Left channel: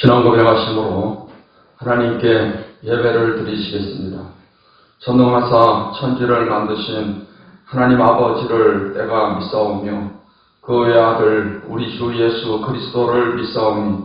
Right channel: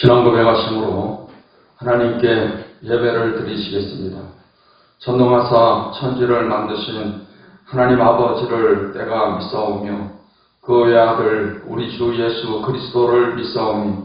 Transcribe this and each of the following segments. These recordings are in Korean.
신앙 고백하심으로 하나님께 예배를 드리시겠습니다. 전능하사 천지를 만드신 하나님 아버지를 내가 믿사오며 그의 아들 우리 주 예수 그리스도를 믿사오니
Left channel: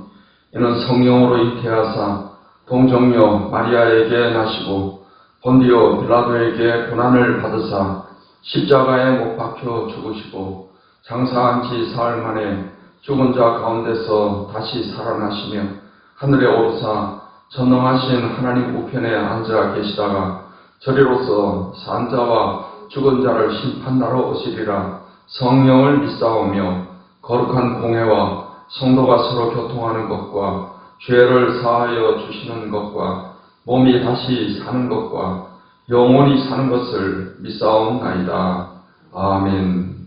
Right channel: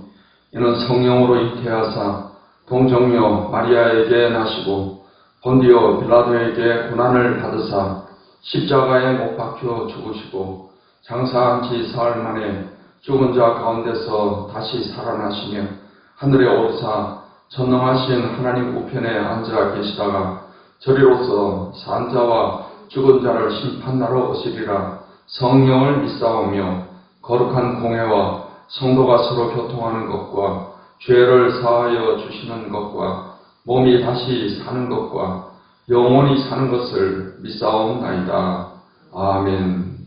이는 성령으로 잉태하사 동정녀 마리아에게 나시고 본디오 빌라도에게 고난을 받으사 십자가에 못 박혀 죽으시고 장사한 지 사흘 만에 죽은 자 가운데서 다시 살아나시며 하늘에 오르사 전능하신 하나님 우편에 앉아 계시다가 저리로서 산 자와 죽은 자를 심판하러 오시리라. 성령을 믿사오며 거룩한 공회와 성도가 서로 교통하는 것과 죄를 사하여 주시는 것과 몸이 다시 사는 것과 영원히 사는 것을 믿사옵나이다. 아멘.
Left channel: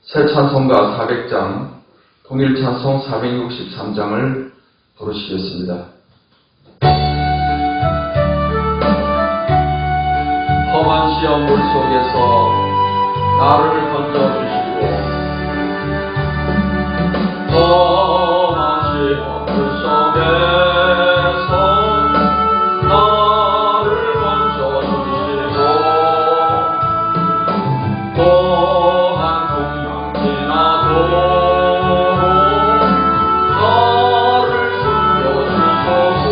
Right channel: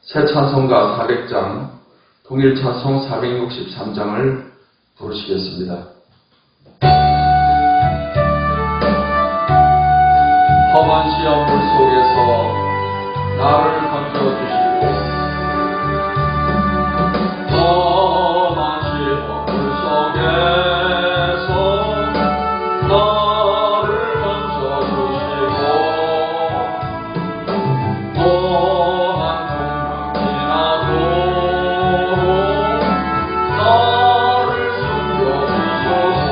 새 찬송가 400장, 통일 찬송 463장을 부르시겠습니다. 험한 시험 물 속에서 나를 건져주시고 험한 시험 물 속에서 나를 건져주시고 험한 풍랑 지나도록 나를 숨겨주소서.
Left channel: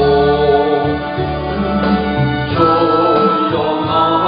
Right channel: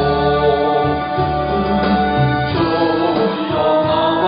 주여 나를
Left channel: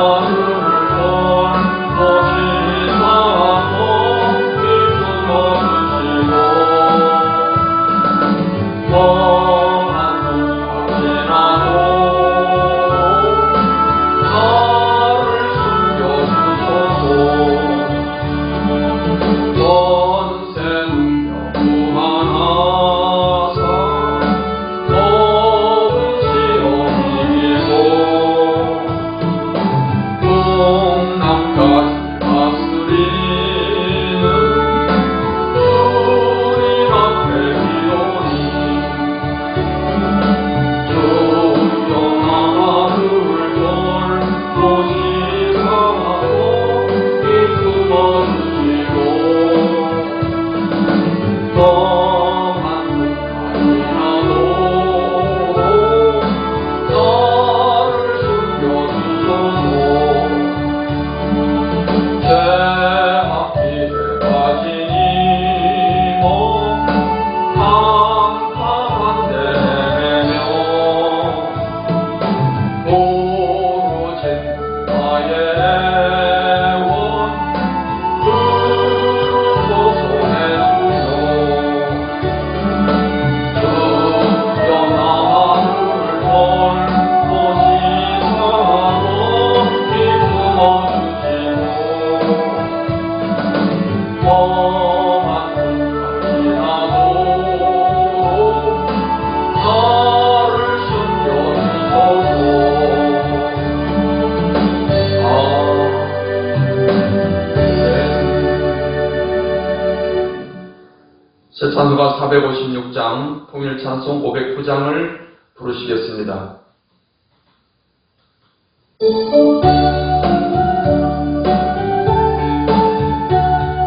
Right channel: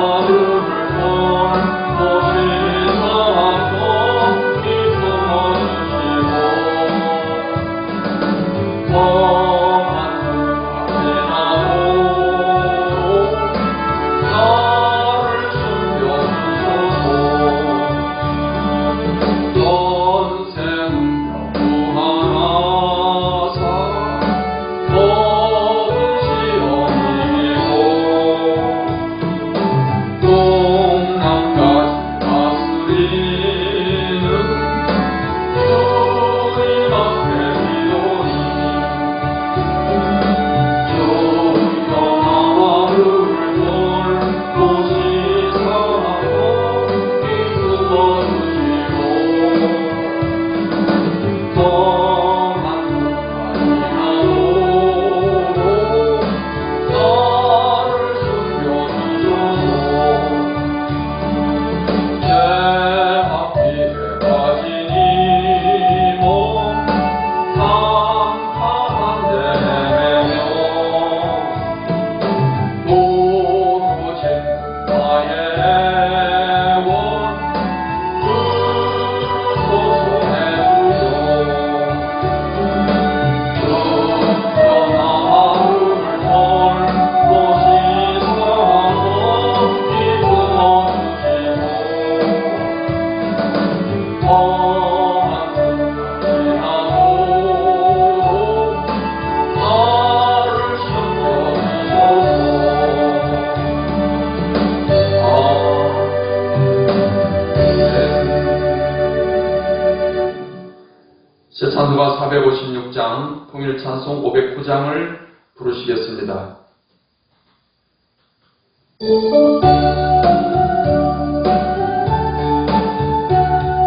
새 찬송가 456장, 통일 찬송 509장을 부르시겠습니다.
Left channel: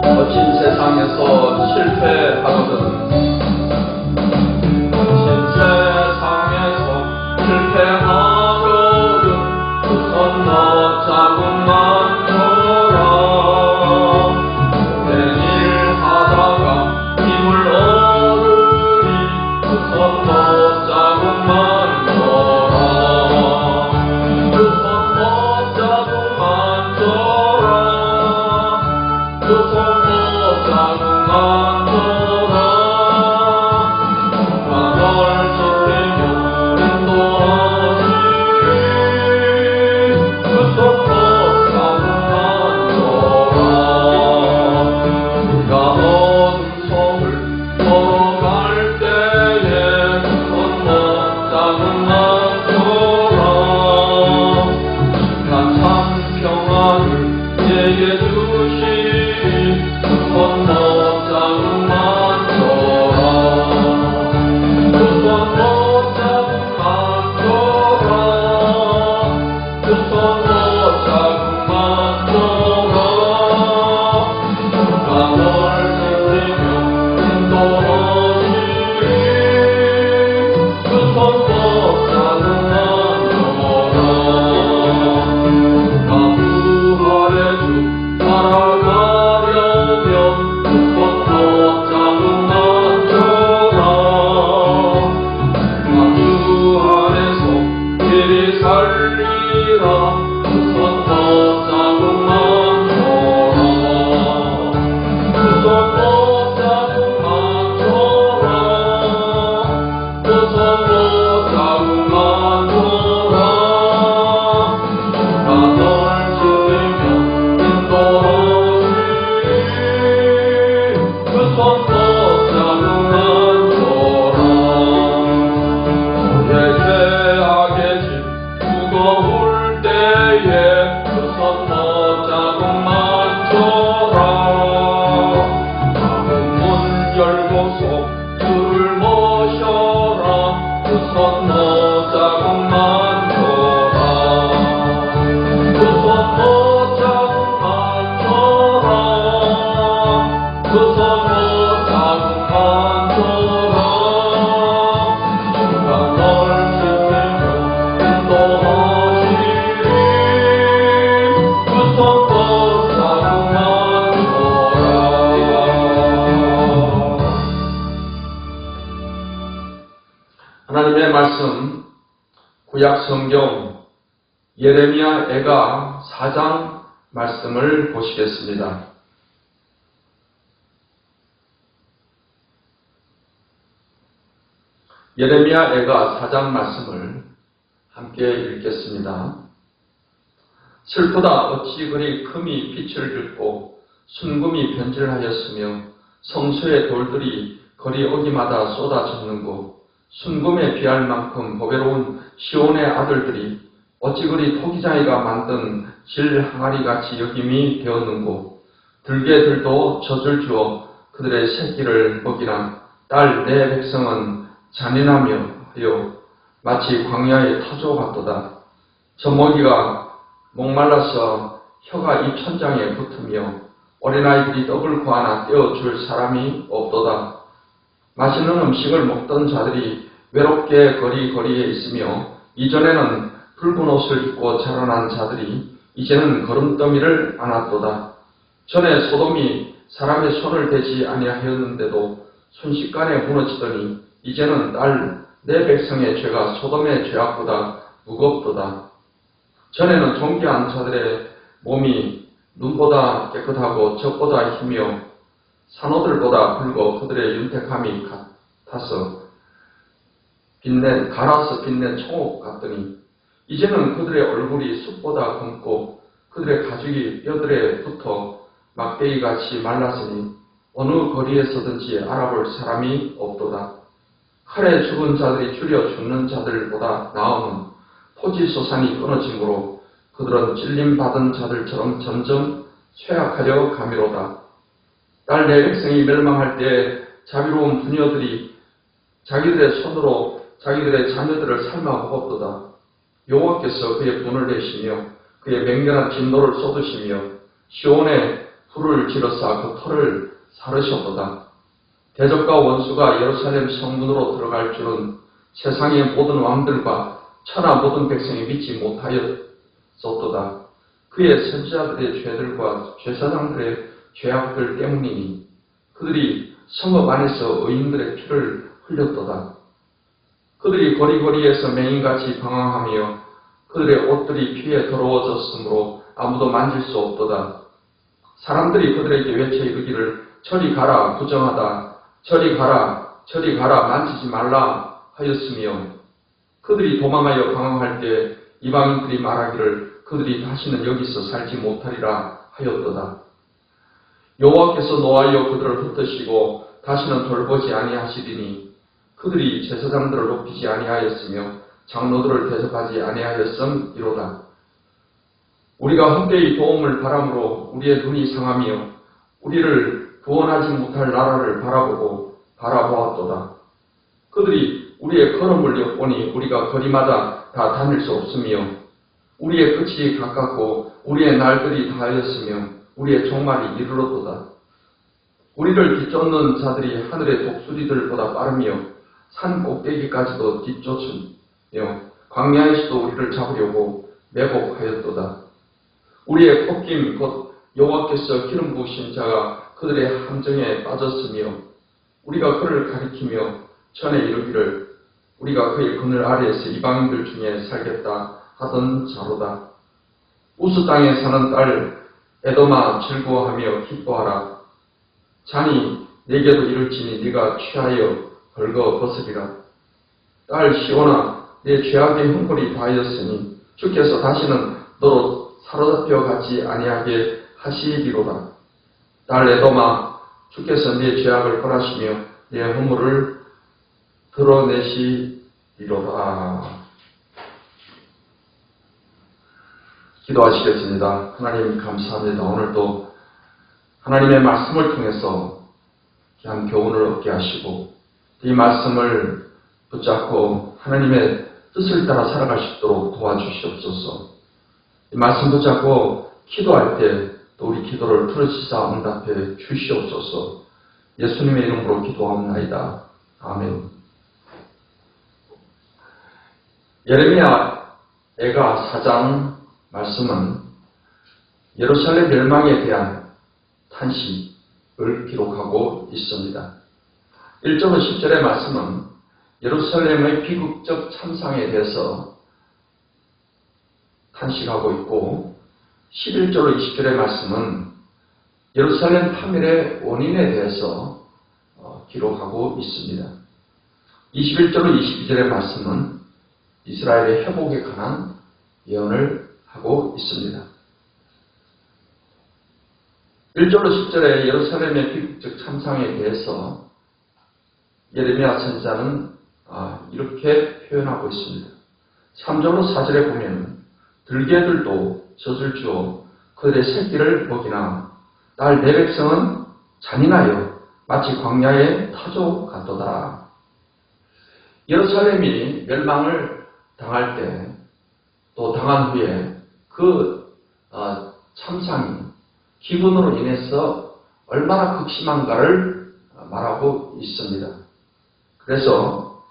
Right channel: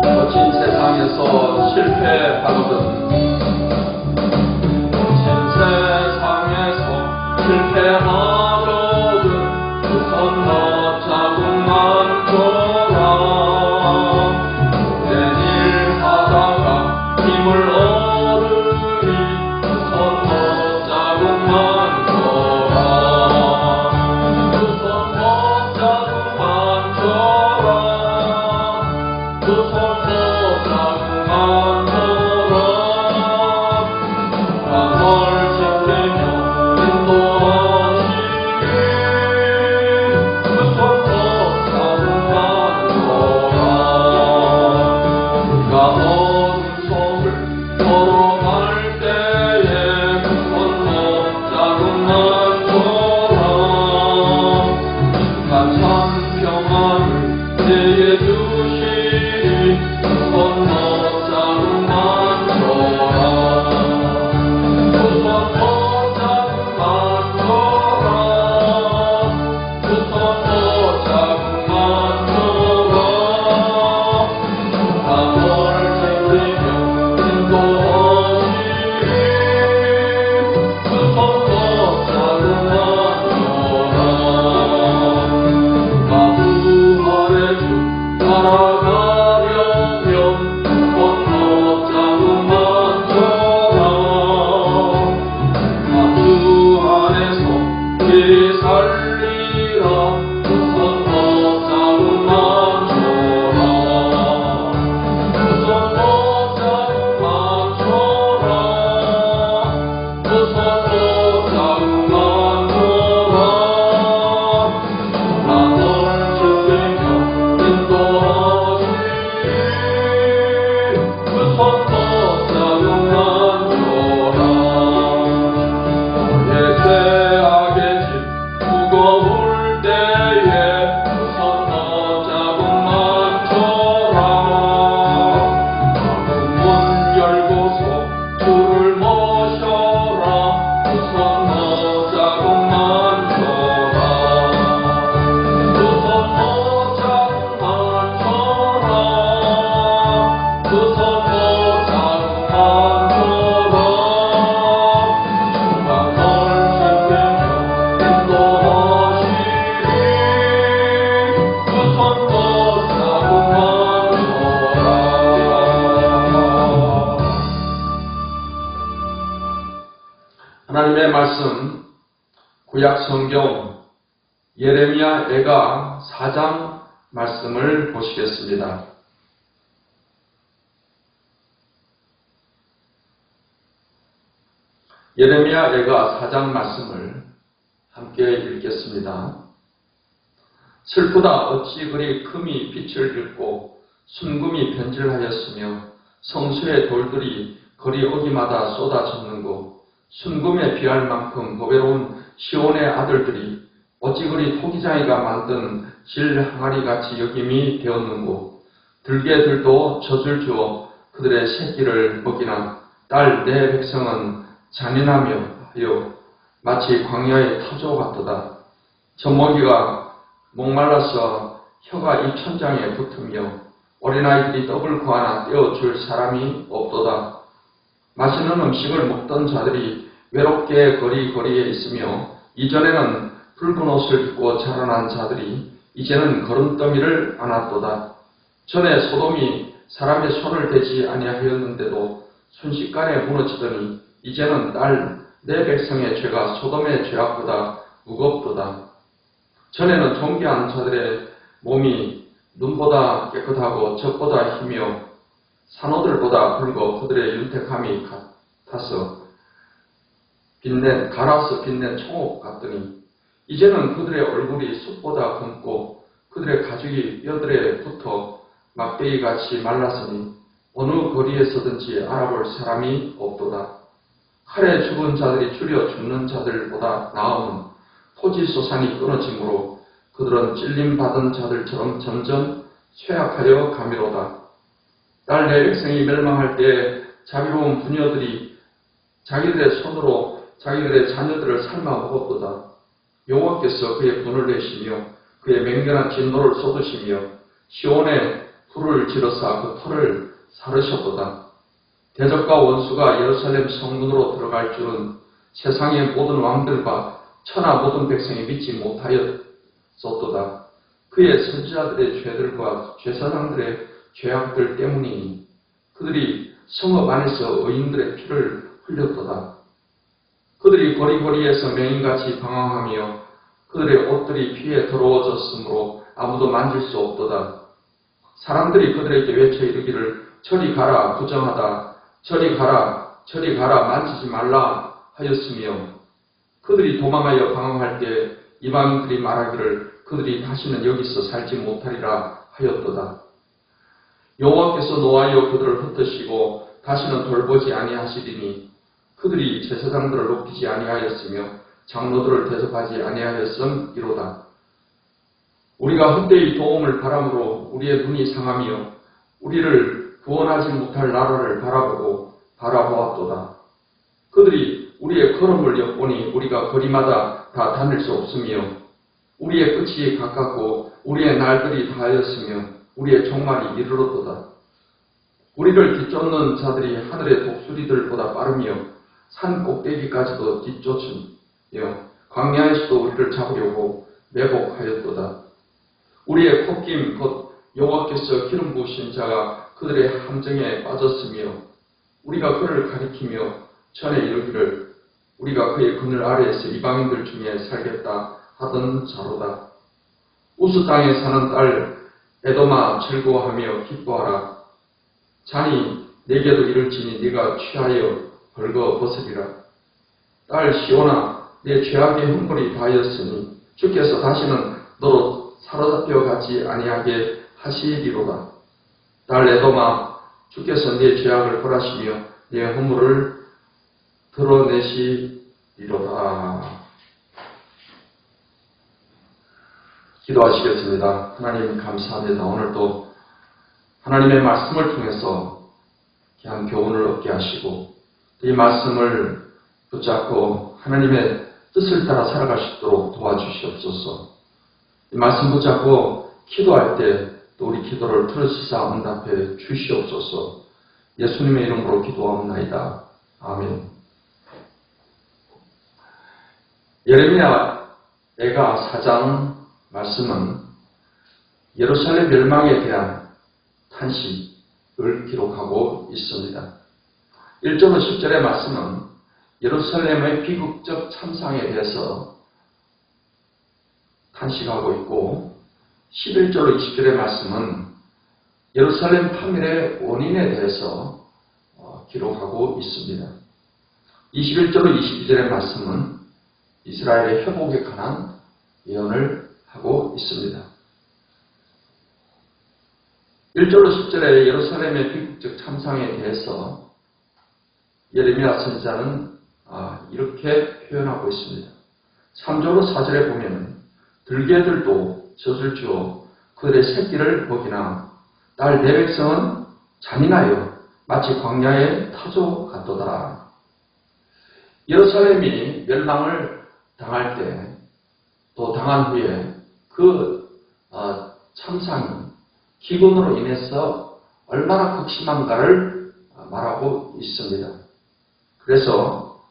거친 세상에서 실패하거든 거친 세상에서 실패하거든 그 손 너자국만 줘라. 오랜 일 하다가 힘을 얻으리 그 손 너자국만 줘라. 그 손 너자국 하나님의 말씀 구약 성경 예레미야 애가 4장 말씀을 보시겠습니다. 예레미야 애가 4장 말씀을 함께 읽겠습니다. 슬프다 어찌 그리 금이 빛을 잃고 순금이 변질하였으며 성수의 돌들이 거리 어기마다 쏟아졌는고 순금에 비할 만큼 보배로운 시온의 아들들이 어찌 그리 토기장이가 만든 질 항아리같이 여김이 되었는고 들개들도 젖을 주어 그들의 새끼를 먹이나 딸 내 백성은 잔인하며 하여 마치 광야의 타조 같도다. 저 먹이가 목말라서 혀가 이 천장에 붙으며 어린아이들이 떡을 구하나 떼어줄 사람이 없도다. 맛있는 음식을 먹던 자들이 외롭게 거리에 있으며 이전에는 붉은 옷을 입고 자라난 자들이 이제는 걸음더미를 안았도다. 전에 소돔이 사람의 손을 대지 아니하였는데도 순식간에 무너지더니 이제는 딸 내 백성의 죄가 소돔의 죄악보다 무겁도다. 전에는 존귀한 자들의 몸이 눈보다 깨끗하고 젖보다 희며 산호들보다 붉어 그들의 윤택함이 같아서 갈아서 빛낸 총옥 같더니 이제는 그들의 얼굴이 숲보다 검고 그들의 가죽이 뼈들에 붙어 막대기같이 말랐으니 어느 거리에서든지 알아볼 사람이 없도다. 칼에 죽은 자들이 줄여 죽는 자들보다 나음은 토지 소산이 끊어지므로 그들은 찔림받은 자들처럼 점점 쇠약하여 가미로다. 딸 내 백성이 멸망할 때 자비로운 부녀들이 자기들의 손으로 자기들의 자녀들을 삶아 먹었도다. 여호와께서 그의 분을 내시며 그의 맹렬한 진노를 쏟으시며 시온에 불을 지르사 그 터를 사르셨도다. 대적과 원수가 예루살렘 성문으로 들어갈 줄은 세상의 모든 왕들과 천하 모든 백성이 믿지 못하였었도다. 그의 선지자들의 죄들과 제사장들의 죄악들 때문이니 그들이 성읍 안에서 의인들의 피를 흘렸도다. 그들이 거리거리에서 맹인같이 방황하며 그들의 옷들이 피에 더러워졌으므로 아무도 만질 수 없도다. 사람들이 그들에게 외쳐 이르기를 저리 가라 부정하다. 저리 가라 만지지 말라 하였으며 그들이 도망하여 방황할 때 이방인들이 말하기를 그들이 다시는 여기서 살지 못하리라 하였도다. 여호와께서 노하여 그들을 흩으시고 다시는 돌보지 아니하시리니 그들이 제사장들을 높이지 아니하였으며 장로들을 대접하지 아니하였음이로다. 우리가 헛되이 도움을 바람으로 우리의 눈이 상하며 우리를 구원하지 못할 나라를 바라보았도다. 그들이 우리의 걸음을 엿보니 우리가 거리마다 다 다닐 수 없으며 우리의 끝이 가깝고 우리의 날들이 다하였으며 우리의 종말이 이르렀도다. 우리를 뒤쫓는 자들이 하늘의 독수리들보다 빠르며 산 꼭대기까지도 뒤쫓으며 광야에서도 우리를 잡으려고 매복하였도다. 우리의 콧김 곧 여호와께서 기름 부으신 자가 그들의 함정에 빠졌으며 우리가 그를 가리키며 전에 이르기를 우리가 그의 그늘 아래에서 이방인들 중에 살겠다 하던 자로다. 우스 땅에 사는 딸 에돔아 즐거워하며 기뻐하라. 잔이 내게도 이를지니 네가 취하여 벌거 벗으리라. 딸 시온아 내 죄악의 형벌이 다하였으니 주께서 다시는 너로 사로잡혀 가지 아니하게 하시리로다. 딸 에돔아 주께서 네 죄악을 벌하시며 네 허물을 드러내시리로다. 기도하시겠습니다. 하나님 감사합니다. 오늘도 하나님의 말씀을 통해서 귀한 교훈을 얻게 하시고 이 말씀을 붙잡고 하나님의 뜻을 따라 살아갈 수 있도록 도와주시옵소서. 이 말씀 붙잡고 기도할 때 또 우리 기도를 들으시사 응답해 주시옵소서. 예수님의 이름으로 기도하옵나이다. 아멘. 예레미야 애가 4장 말씀은 예루살렘 멸망에 대한 탄식을 기록하고 있습니다. 1절부터 10절의 말씀은 예루살렘의 비극적 참상에 대해서 탄식하고 있고 11절로 20절의 말씀은 예루살렘 파멸의 원인에 대해서 기록하고 있습니다. 21절로 22절의 말씀은 이스라엘의 회복에 관한 예언을 하고 있습니다. 1절로 10절의 예루살렘의 비극적 참상에 대해서 예레미야 선지자는 이렇게 표현하고 있습니다. 3절로 4절에 보면 들개들도 젖을 주어 그들의 새끼를 먹이나 딸 내 백성은 잔인하여 마치 광야의 타조 같도다. 예루살렘이 멸망을 당할 때 또 당한 후에 그 참상이 기근으로 인해서 얼마나 극심한가를 말하고 있습니다. 그래서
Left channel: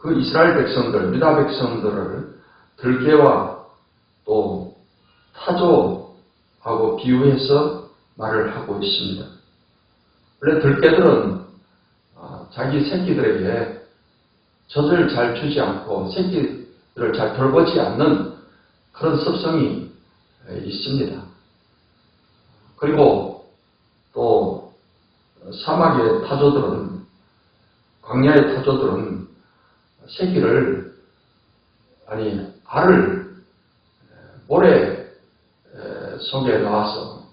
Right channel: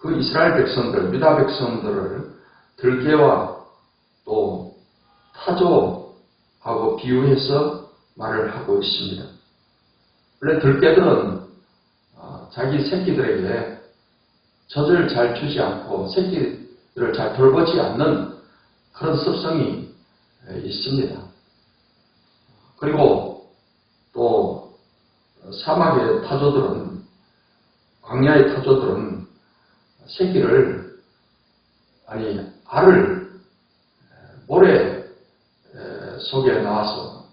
그 이스라엘 백성들, 유다 백성들을 들개와 또 타조하고 비유해서 말을 하고 있습니다. 원래 들개들은 자기 새끼들에게 젖을 잘 주지 않고 새끼들을 잘 돌보지 않는 그런 습성이 있습니다. 그리고 또 사막의 타조들은, 광야의 타조들은 알을 모래 속에 넣어서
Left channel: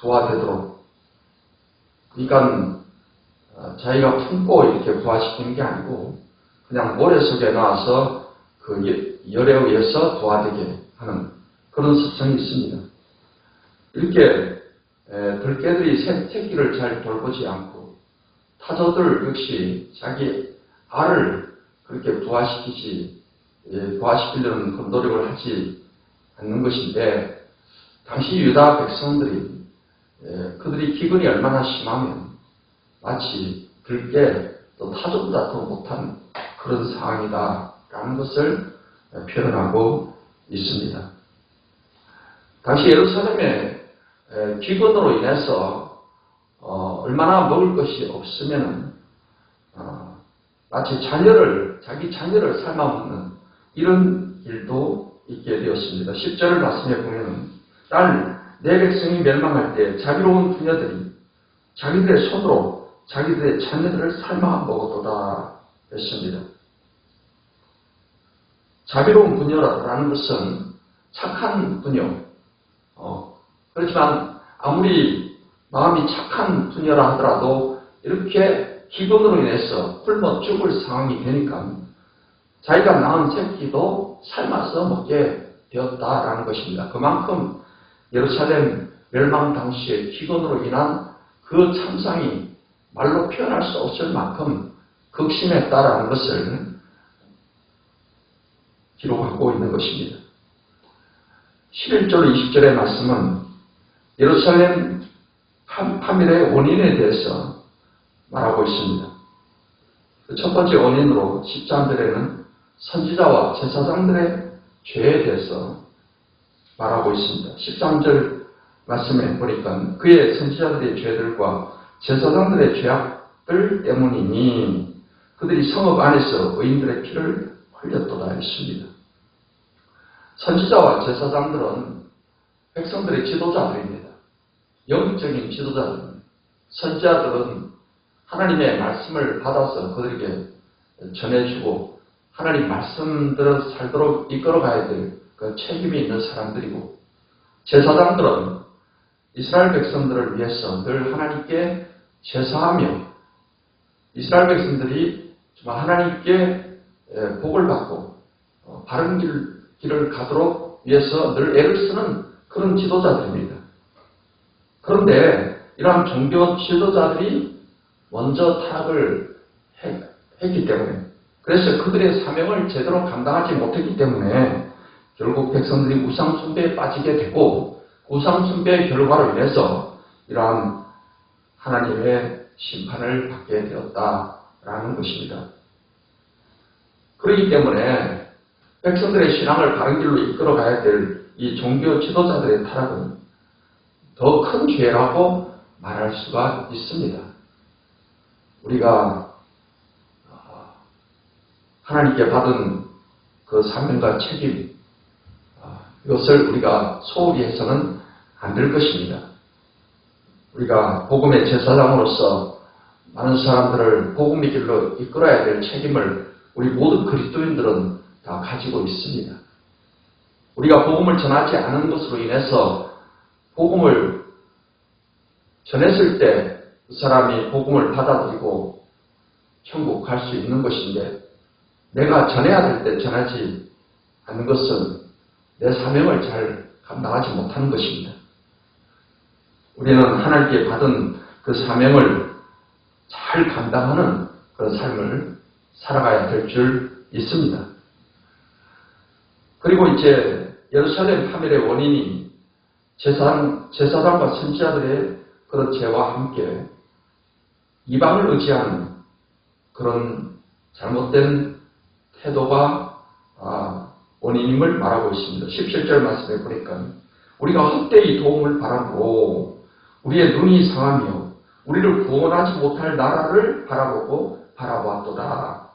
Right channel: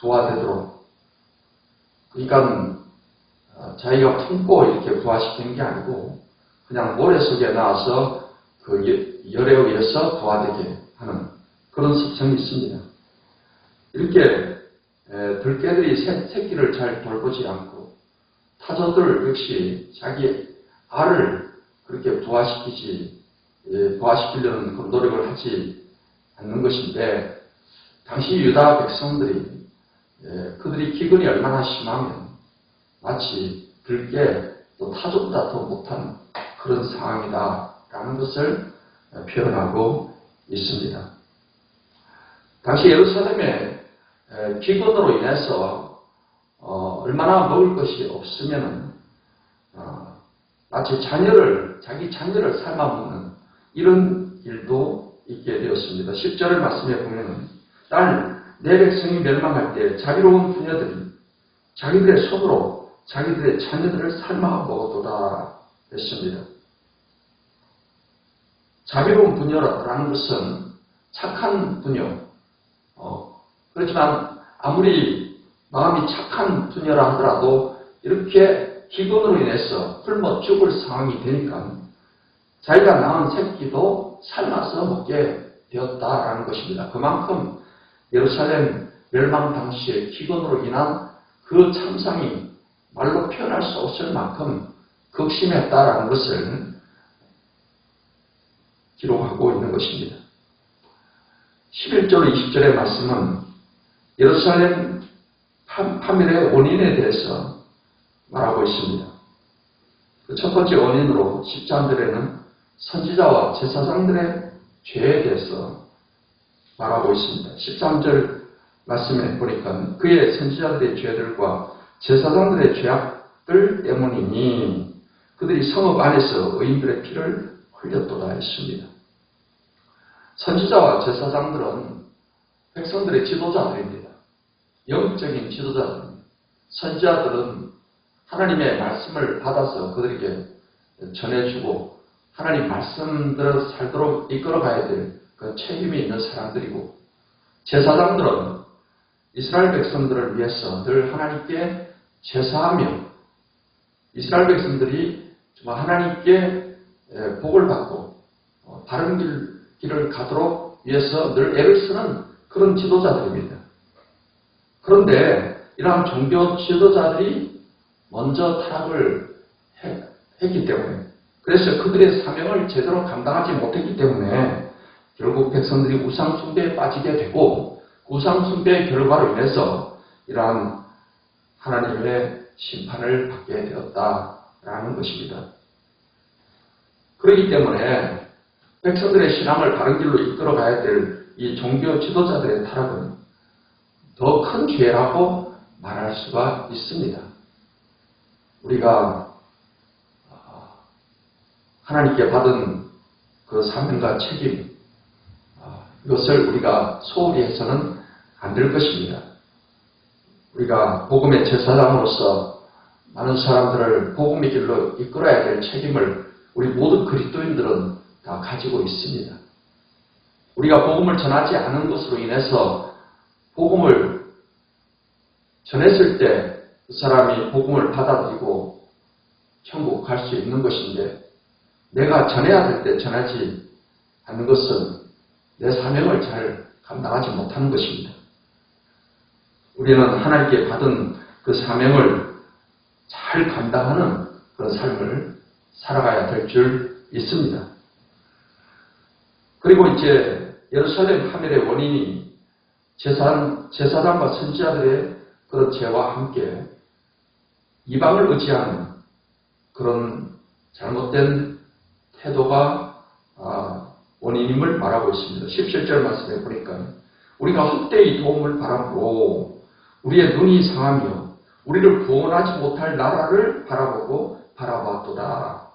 부화되도록, 그러니까 자기가 품고 이렇게 부화시키는 게 아니고 그냥 모래 속에 넣어서 그 열에 의해서 부화되게 하는 그런 습성이 있습니다. 이렇게 들개들이 새끼를 잘 돌보지 않고 타조들 역시 자기 알을 그렇게 부화시키려는 그런 노력을 하지 않는 것인데, 당시 유다 백성들이 그들이 기근이 얼마나 심하면 마치 들개 또 타조보다 더 못한 그런 상황이다라는 것을 표현하고 있습니다. 당시 예루살렘의 기근으로 인해서 얼마나 먹을 것이 없으면 마치 자기 자녀를 삶아먹는 이런 일도 있게 되었습니다. 10절을 말씀해 보면 딸 내 백성이 멸망할 때 자비로운 부녀들이 자기들의 손으로 자기들의 자녀들을 삶아 먹었도다 했습니다. 자비로운 부녀라는 것은 착한 부녀, 그렇지만 아무리 마음이 착한 부녀라 하더라도 이렇게 기근으로 인해서 굶어 죽을 상황이 되니까 자기가 낳은 새끼도 삶아서 먹게 되었다라는 것입니다. 그만큼 예루살렘 멸망 당시의 기근으로 인한 그 참상이 말로 표현할 수 없을 만큼 극심했다라는 것을 기록하고 있는 것입니다. 11절 20절의 말씀은 예루살렘 파멸의 원인에 대해서 말하고 있습니다. 첫 번째 원인으로 13절에는 선지자와 제사장들의 죄에 대해서 말하고 있습니다. 13절 말씀에 보니까 그의 선지자들의 죄들과 제사장들의 죄악들 때문이니 그들이 성읍 안에서 의인들의 피를 흘렸도다 했습니다. 선지자와 제사장들은 백성들의 지도자들입니다. 영적인 지도자들입니다. 선지자들은 하나님의 말씀을 받아서 그들에게 전해주고 하나님 말씀대로 살도록 이끌어가야 될 그 책임이 있는 사람들이고, 제사장들은 이스라엘 백성들을 위해서 늘 하나님께 제사하며 이스라엘 백성들이 정말 하나님께 복을 받고 바른 길을 가도록 위해서 늘 애를 쓰는 그런 지도자들입니다. 그런데 이러한 종교 지도자들이 먼저 타락을 했기 때문에, 그래서 그들의 사명을 제대로 감당하지 못했기 때문에 결국 백성들이 우상숭배에 빠지게 되고, 우상숭배의 결과로 인해서 이러한 하나님의 심판을 받게 되었다라는 것입니다. 그렇기 때문에 백성들의 신앙을 바른 길로 이끌어가야 될 이 종교 지도자들의 타락은 더 큰 죄라고 말할 수가 있습니다. 우리가 하나님께 받은 그 사명과 책임, 이것을 우리가 소홀히 해서는 안 될 것입니다. 우리가 복음의 제사장으로서 많은 사람들을 복음의 길로 이끌어야 될 책임을 우리 모든 그리스도인들은 다 가지고 있습니다. 우리가 복음을 전하지 않은 것으로 인해서 복음을 전했을 때 그 사람이 복음을 받아들이고 천국 갈 수 있는 것인데, 내가 전해야 될 때 전하지 않는 것은 내 사명을 잘 감당하지 못하는 것입니다. 우리는 하나님께 받은 그 사명을 잘 감당하는 그런 삶을 살아가야 될 줄 있습니다. 그리고 이제 예루살렘 파멸의 원인이 제사장과 선지자들의 그런 죄와 함께 이방을 의지하는 그런 잘못된 태도가 원인임을 말하고 있습니다. 17절 말씀에 보니까 우리가 헛되이 도움을 바라보고 우리의 눈이 상하며 우리를 구원하지 못할 나라를 바라보았도다.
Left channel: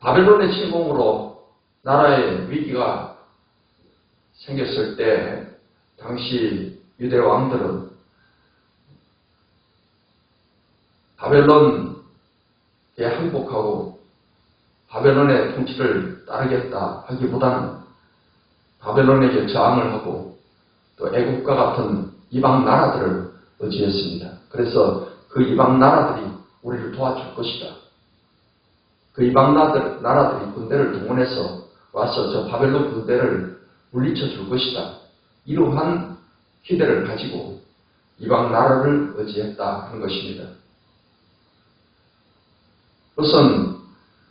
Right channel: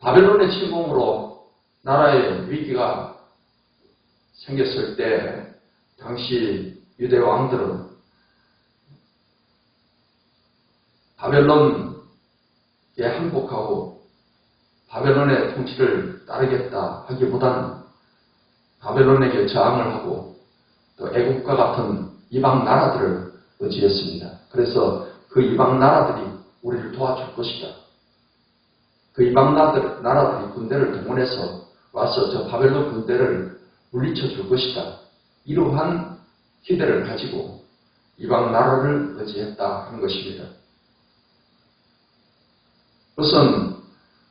바벨론의 침공으로 나라의 위기가 생겼을 때 당시 유대 왕들은 바벨론에 항복하고 바벨론의 통치를 따르겠다 하기보다는 바벨론에게 저항을 하고 또 애국과 같은 이방 나라들을 의지했습니다. 그래서 그 이방 나라들이 우리를 도와줄 것이다. 그 이방 나라들이 군대를 동원해서 와서 저 바벨론 군대를 물리쳐 줄 것이다. 이러한 기대를 가지고 이방 나라를 의지했다 하는 것입니다. 그것은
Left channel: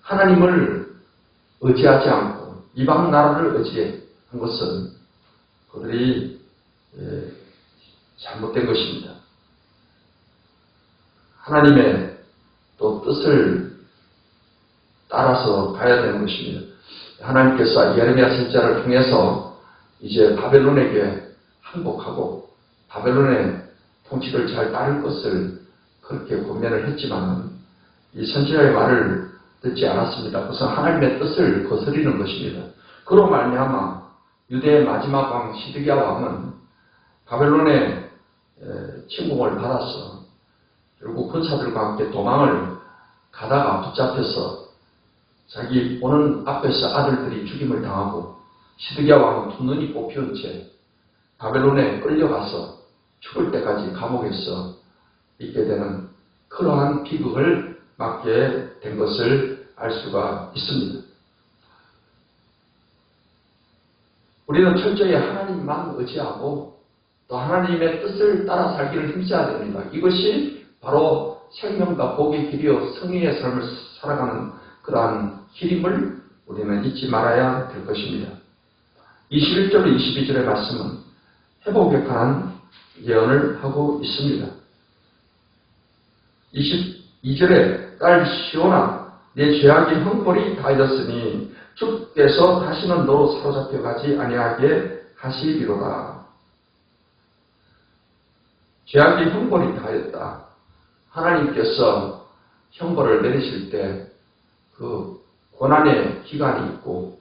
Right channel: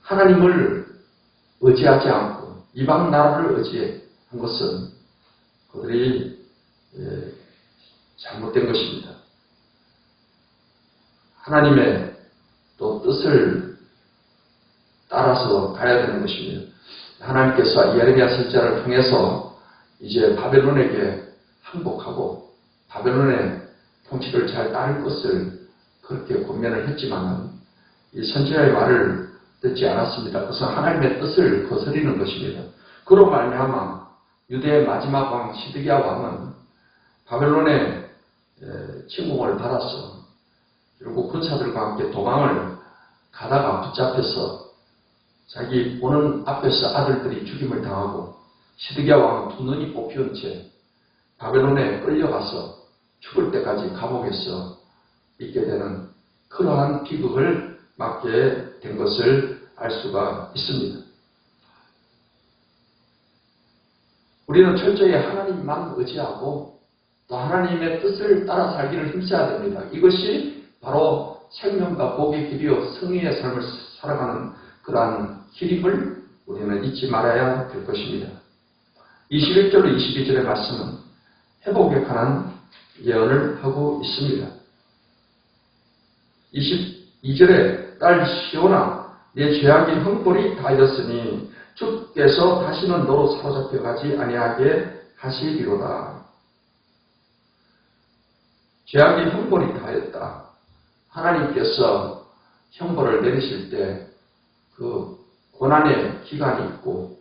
하나님을 의지하지 않고 이방 나라를 의지한 것은 그들이 잘못된 것입니다. 하나님의 또 뜻을 따라서 가야 되는 것입니다. 하나님께서 예레미야 선지자를 통해서 이제 바벨론에게 항복하고 바벨론의 통치를 잘 따를 것을 그렇게 권면을 했지만 이 선지자의 말을 듣지 않았습니다. 그것은 하나님의 뜻을 거스리는 것입니다. 그로 말미암아 유대의 마지막 왕 시드기야 왕은 바벨론의 침공을 받아서 결국 군사들과 함께 도망을 가다가 붙잡혀서 자기 보는 앞에서 아들들이 죽임을 당하고 시드기야 왕은 두 눈이 뽑히는 채 바벨론에 끌려가서 죽을 때까지 감옥에서 있게 되는 그러한 비극을 맞게 된 것을 알 수가 있습니다. 우리는 철저히 하나님만 의지하고 또 하나님의 뜻을 따라 살기를 힘써야 됩니다. 이것이 바로 생명과 복의 길이요 성의의 삶을 살아가는 그러한 길임을 우리는 잊지 말아야 될 것입니다. 21절 22절의 말씀은 회복에 관한 예언을 하고 있습니다. 22절에 딸 시온아 내 죄악의 형벌이 다하였으니 주께서 다시는 너로 사로잡혀 가지 아니하게 하시리로다. 죄악의 형벌이 다하였다. 하나님께서 형벌을 내리실 때 그 고난의 기간이 있고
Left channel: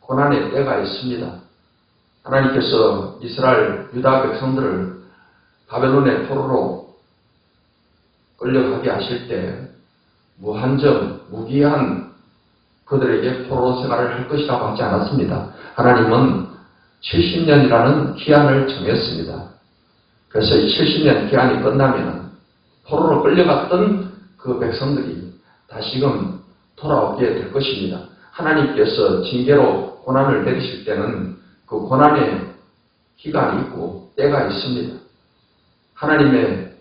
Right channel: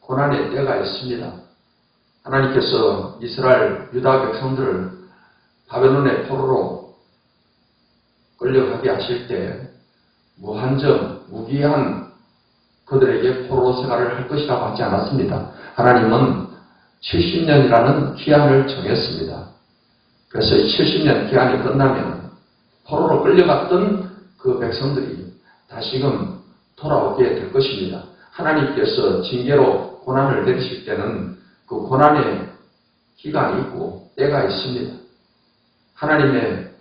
고난의 때가 있습니다. 하나님께서 이스라엘 유다 백성들을 바벨론의 포로로 끌려가게 하실 때 무한정 무기한 그들에게 포로 생활을 할 것이라고 하지 않았습니다. 하나님은 70년이라는 기한을 정했습니다. 그래서 70년 기한이 끝나면 포로로 끌려갔던 그 백성들이 다시금 돌아오게 될 것입니다. 하나님께서 징계로 고난을 내리실 때는 그 고난의 기간이 있고 때가 있습니다. 하나님의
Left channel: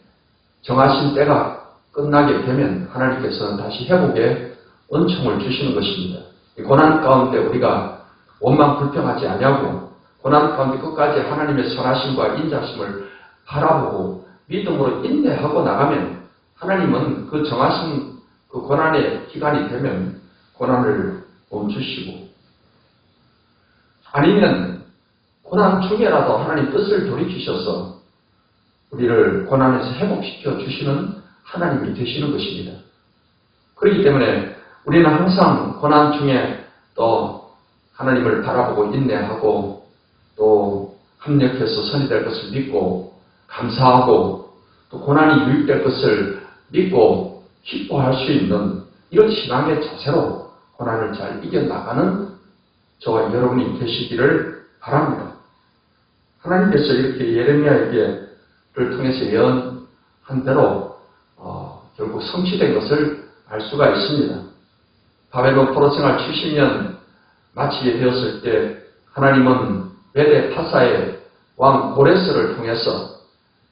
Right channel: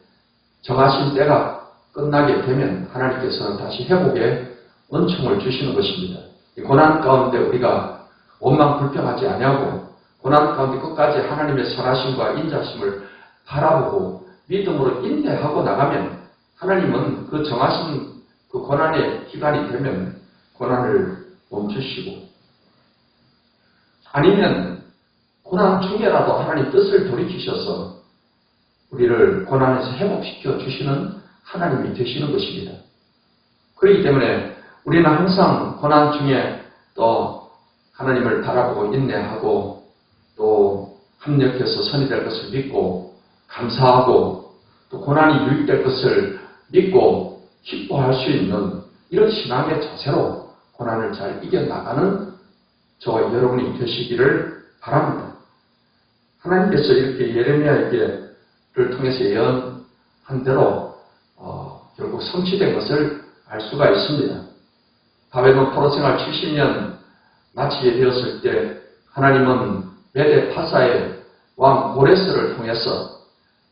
정하신 때가 끝나게 되면 하나님께서는 다시 회복의 은총을 주시는 것입니다. 이 고난 가운데 우리가 원망 불평하지 아니하고 고난 가운데 끝까지 하나님의 선하심과 인자심을 바라보고 믿음으로 인내하고 나가면 하나님은 그 정하신 그 고난의 기간이 되면 고난을 멈추시고 아니면 고난 중에라도 하나님 뜻을 돌이키셔서 우리를 고난에서 회복시켜 주시는 하나님이 되시는 것입니다. 그렇기 때문에 우리는 항상 고난 중에 또 하나님을 바라보고 인내하고 또 합력해서 선이 될 것을 믿고 감사하고 또 고난이 유익될 것을 믿고 기뻐할 수 있는 이런 신앙의 자세로 고난을 잘 이겨나가는 저와 여러분이 되시기를 바랍니다. 하나님께서 이렇게 예레미야에게를 통해서 예언한 대로 결국 성취된 것을 알 수가 있습니다. 바벨론 포로 생활 70년 마치게 되었을 때 하나님은 메대 파사의 왕 고레스를 통해서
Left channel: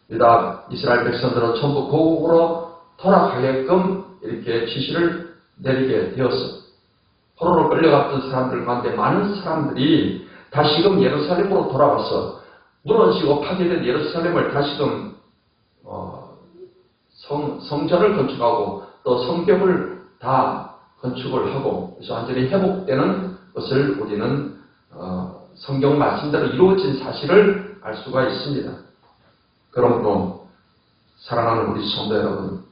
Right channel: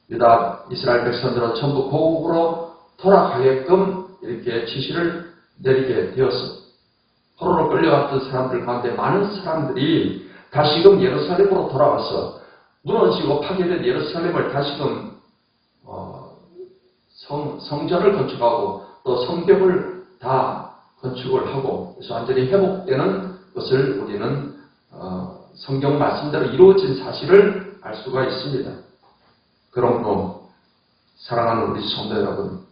유다 이스라엘 백성들은 전부 고국으로 돌아가게끔 이렇게 지시를 내리게 되었어. 포로로 끌려갔던 사람들 가운데 많은 사람들이 다시금 예루살렘으로 돌아와서 무너지고 파괴된 예루살렘을 다시금 성전을 건축하고 또 성벽을 다 건축을 하고 그래서 완전히 회복되는 것을 우리는 성경 말씀대로 이루어진 사실을 알 수가 있습니다. 그러므로 사랑하는 우리 성도 여러분,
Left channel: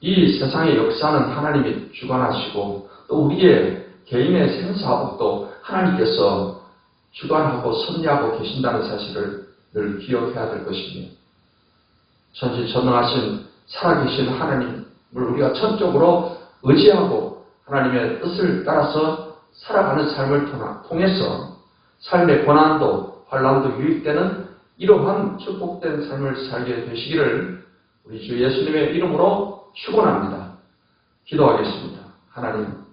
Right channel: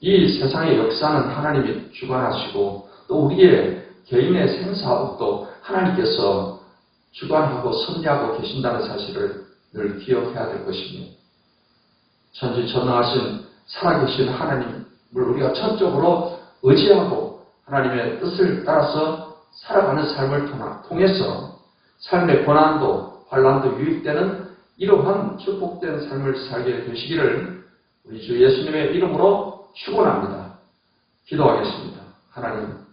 이 세상의 역사는 하나님이 주관하시고 또 우리의 개인의 생사복도 하나님께서 주관하고 섭리하고 계신다는 사실을 늘 기억해야 될 것입니다. 전지전능하신 살아계신 하나님을 우리가 전적으로 의지하고 하나님의 뜻을 따라서 살아가는 삶을 통해서 삶의 고난도 환난도 유익되는 이러한 축복된 삶을 살게 되시기를 우리 주 예수님의 이름으로 축원합니다. 기도하겠습니다. 하나님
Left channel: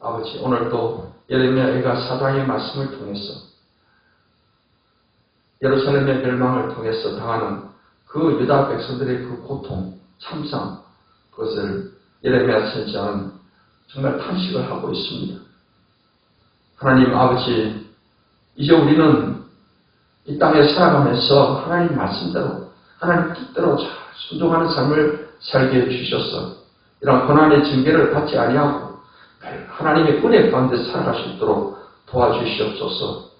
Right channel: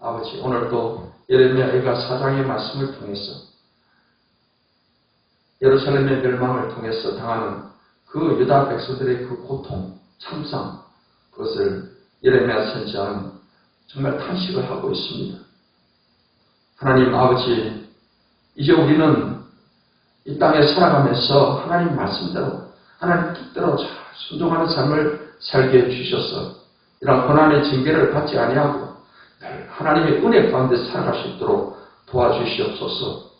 아버지, 오늘도 예레미야 4장의 말씀을 통해서 예루살렘의 멸망을 통해서 당하는 그 유다 백성들의 그 고통, 참상, 그것을 예레미야 선지자는 정말 탄식을 하고 있습니다. 하나님 아버지, 이제 우리는 이 땅에 살아가면서 하나님 말씀대로, 하나님 뜻대로 잘 순종하는 삶을 살게 해주셔서 이런 고난의 징계를 받지 아니하고 하나님의 은혜 가운데 살아갈 수 있도록 도와주시옵소서.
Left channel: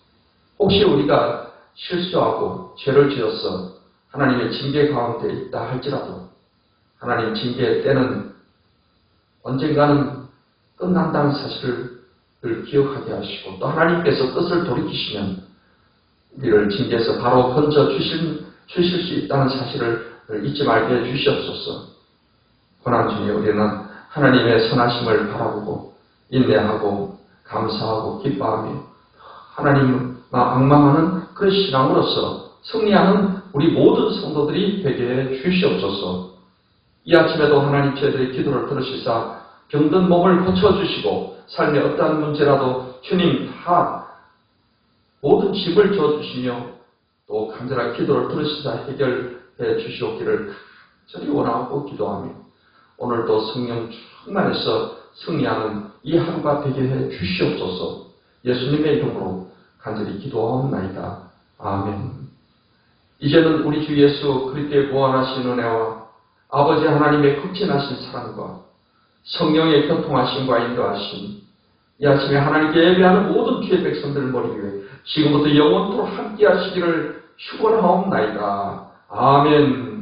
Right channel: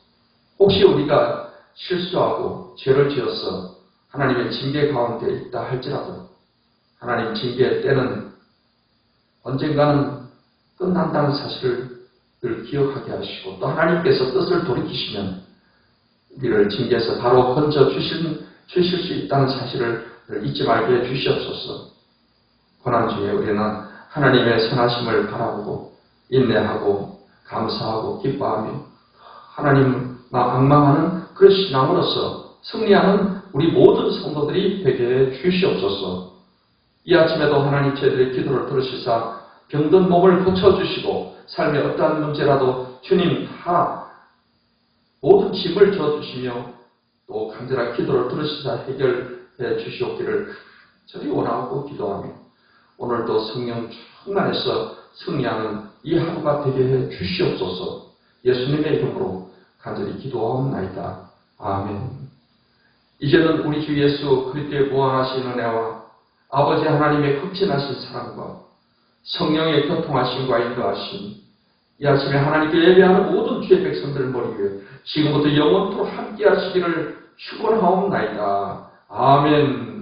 혹시 우리가 실수하고 죄를 지어서 하나님의 징계 가운데 있다 할지라도 하나님 징계의 때는 언젠가는 끝난다는 사실을 늘 기억하게 하시고 또 하나님께서 뜻을 돌이키시면 우리를 징계에서 바로 건져 주실 수 있다는 사실을 잊지 말게 해주시옵소서. 고난 중에 우리는 하나님의 선하심을 바라보고 인내하고 감사하고 기뻐하며 하나님만 앙망하는 그 신앙으로서 승리하는 우리 모든 성도들이 되게 해 주시옵소서. 이 아침에도 하나님 저희들의 기도를 들으시사 병든 몸을 고쳐주시고 삶의 어떠한 문제라도 주님 다 모든 짐을 져주시며 또 간절한 기도를 들으시사 해결해 주시옵기를 저리 원하고 기도하며 오늘도 성령 충만해서 승리하는 이 하루가 되게 해 주시옵소서. 예수님의 이름으로 간절히 기도하옵나이다. 아멘. 이제는 우리 주 예수 그리스도의 무한하신 은혜와 아버지 하나님의 극진하신 사랑과 성령의 교통하심과 인도하심 이 아침에 하나님께 예배하는 모든 주의 백성들을 머리 위에 지금부터 영원토록 함께 하시기를 축원하옵나이다. 아멘.